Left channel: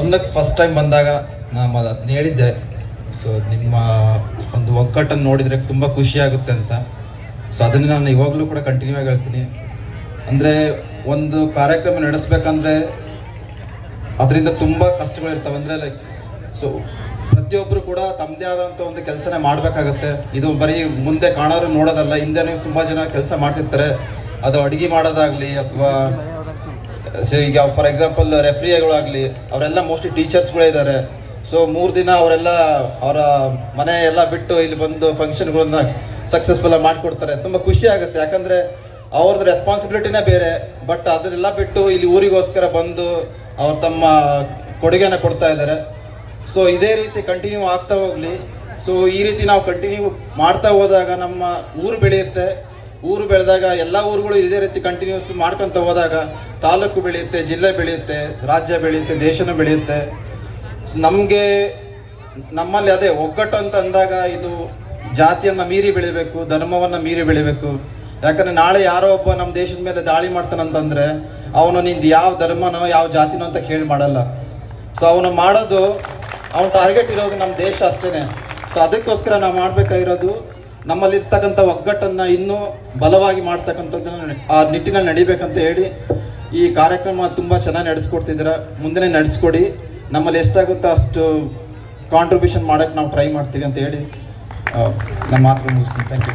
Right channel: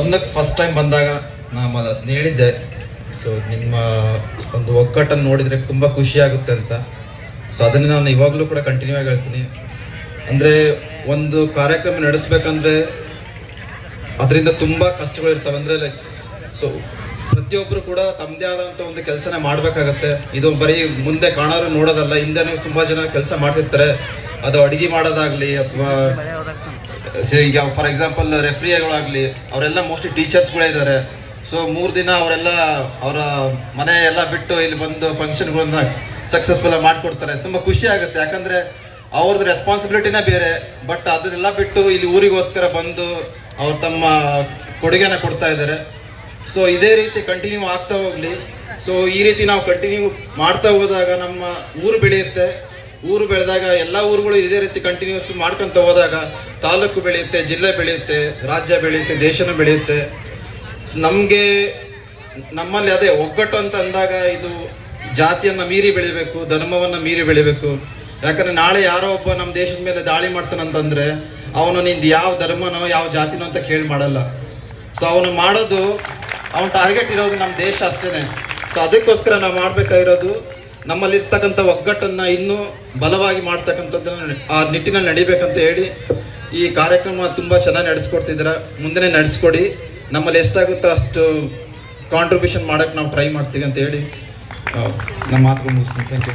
ಸದನಕ್ಕೆ first time ಬಂದಾಗ ನಾನು ಅದನ್ನ ಹೇಳಿದ್ದೆ. ಸೊ ನಿಮ್ಮ ಒಂದು ಒಗ್ಗಟ್ಟನ್ನು ನೋಡಿದರೆ ತುಂಬ ಖುಷಿಯಾಗುತ್ತೆ ಅಂತ. ಸೊ ಅದನ್ನು ನಾನು ಇವಾಗಲೂ ಕೂಡ ಕಂಟಿನ್ಯೂ ಆಗಿ ಹೇಳ್ತೀನಿ. ಅಂದರೆ ಒಂದು ಕಾರ್ಯಕ್ರಮ ನಡೆಸಬೇಕಂದ್ರೆ ಅದರಿಂದ ತುಂಬ ಕಷ್ಟಗಳಿರ್ತವೆ. ಅಂದರೆ ಲೈಕ್ ಸೊ ಪ್ರತಿಯೊಬ್ಬರು ಕೂಡ ತಮ್ಮದೇ ಆದಂಥ ಒಂದು ಕೆಲಸನೇ ಮಾಡಬೇಕಾಗತ್ತೆ. ಇದು ಬರೀ ಮುಂದೆ ಕಾಣೋರು ನೋಡೋದಲ್ಲ, ಹಿಂದೆನೇ ತುಂಬ ಜನ ಕೆಲಸ ಮಾಡ್ತಿರ್ತಾರೆ. ಅದು ಅಡುಗೆ ಮಾಡೋದಾಗಲಿ ಅಥವಾ ಈಗ ಫಾರ್ ಎಕ್ಸಾಂಪಲ್ ರೆಫ್ರಿಗಳಾಗಲಿ ಅವರೆಲ್ಲ ಮೋಸ್ಟ್ಲಿ ಟೀಚರ್ಸ್ಗಳೇ ಇದ್ದಾರೆ. ಸೊ 3 ದಿನ ಅವರೆಲ್ಲ ಅವರ ಮನೆ ಎಲ್ಲ ಬಿಟ್ಟು ಇಲ್ಲಿ ಬಂದು ಫಂಕ್ಷನ್ಗಳನ್ನ ಸಕ್ಸಸ್ಫುಲ್ ಮಾಡಿಕೊಡ್ತಾರೆ. ತುಂಬ ಖುಷಿ ಆಗುತ್ತೆ, ಯಾಕಂದರೆ ಅವ್ರದ್ದು ರೆಸ್ಪಾನ್ಸಿಬಿಲಿಟಿನೇ ಬೇರೆ. ಬಟ್ ಅದನ್ನೆಲ್ಲ ಬಿಟ್ಟು ಇಲ್ಲಿ ಊರಿಗೋಸ್ಕರ ಬಂದು ಅವ್ರು ತಮ್ಮ ಕೊಡುಗೆನ ಕೊಡ್ತಾ ಇದ್ದಾರೆ. ಸೊ ಇದೇ ರೀತಿ ಕಂಟಿನ್ಯೂ ಆಗ್ತಾ ಹೋಗಲಿ. ಸೊ ಈ ರೀತಿ ನಾವು ಕಂಟಿನ್ಯೂ ಮಾಡ್ತಾ ಹೋದಾಗ ನಮ್ಮ ಊರು ಬೆಳೆಯುತ್ತೆ. ಊರು ಬೆಳೆದಾಗ ಎಲ್ಲ ಊರುಗಳು ಇದೇ ರೀತಿ ಕಂಟಿನ್ಯೂಸ್ ಮಾಡ್ಕೊತ ಹೋದಾಗ ತಾಲೂಕು ಬೆಳೆಯುತ್ತೆ, ಜಿಲ್ಲೆ ಬೆಳೆಯುತ್ತೆ, ರಾಜ್ಯ ಬೆಳೆಯುತ್ತೆ, ದೇಶನೂ ಬೆಳೆಯುತ್ತೆ. ನಮಗೆ ನಮ್ಮಲ್ಲಿ ಅದೇ ಒಗ್ಗಟ್ಟು ಅಂತ ಅಂದಾಗ ಇದು ಜಾತಿಯನ್ನು ಮೀರಿ ಬೆಳಿಬೇಕು, ಧರ್ಮವನ್ನು ಮೀರಿ ಬೆಳಿಬೇಕು. ಯಾಕಂದರೆ ನಾಳೆ ಯಾರೋ ಒಬ್ಬ ನಮ್ಮ ದೇಶದ ಮೇಲೆ ದಾಳಿ ಮಾಡ್ತಾನಂತಂದರೆ ಅವನು ನಿಂದು ಯಾವ ಧರ್ಮನೋ ಯಾವ ಜಾತಿನೋ ಅಂತ ಕೇಳಿ ಮಾಡಲ್ಲ. ಸೊ ಅವನು ಮಾಡೋದು ಅವನ ಟಾರ್ಗೆಟ್ ಇರೋದು ನಮ್ಮ ದೇಶ ಅಷ್ಟೇ. ಸೊ ಅದಕ್ಕೋಸ್ಕರ ನಾವು ಮಾಡಬೇಕಾಗಿರೋದು ನಮ್ಮಲ್ಲಿರ್ತಕ್ಕಂಥ ಒಗ್ಗಟ್ಟನ್ನು ಇನ್ನೂ ಬಲವಾಗಿ ಮಾಡ್ತಕ್ಕಂಥದ್ದನ್ನು ಆ ನಿಟ್ಟಿನಲ್ಲಿ ನಡಿಬೇಕಂತ ಹೇಳಿ ಈ ಕಾರ್ಯಕ್ರಮ ತುಂಬ ಚೆನ್ನಾಗಿ ನಡೆಸ್ಕೊಡ್ತಿದ್ದೀರ. ಮುಂದೆ ನಡೆಸ್ಕೊಡಿ. ನಮ್ಮಲ್ಲಿ ಎಷ್ಟಾಗುತ್ತೋ ಅಷ್ಟು ಕಾಂಟ್ರಿಬ್ಯೂಷನ್ ಮಾಡೋಕ್ಕೆ ನಾವು ಟ್ರೈ ಮಾಡ್ತೀವಿ ಅಂತ ಹೇಳಿ ನಮ್ಮ ಮಾತು ಮುಗಿಸ್ತೀನಿ. Thank you.